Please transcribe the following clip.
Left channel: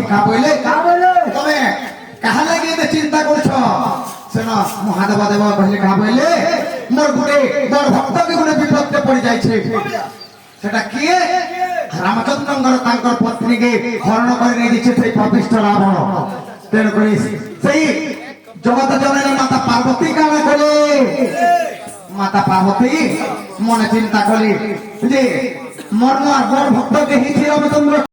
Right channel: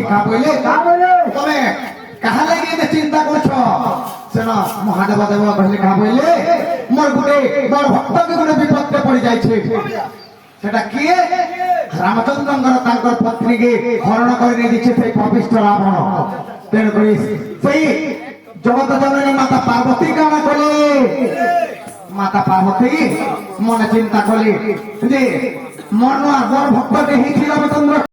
পার্থী কা বইলে তবে কাহা লাগি এতে চিন্তা করছ শোনো মহাদেব দেব বলে কা বইলে মোর গুটে বড় ভক্তকে গুটে বিপদে পড়ে যাইছে সেটা কি রামচন্দ্রঙ্কর তাঙ্কর পত্নীকে হরণ করে নিয়ে দিচ্ছে সেই পাপিষ্ঠ রাবণ তেণু করে সেই জগত জননী মাতা পার্বতী কানা করে মাতা পার্বতী মনে চিন্তা করে যে মর্ম আর বড় ভক্তকে হিছি রামচন্দ্র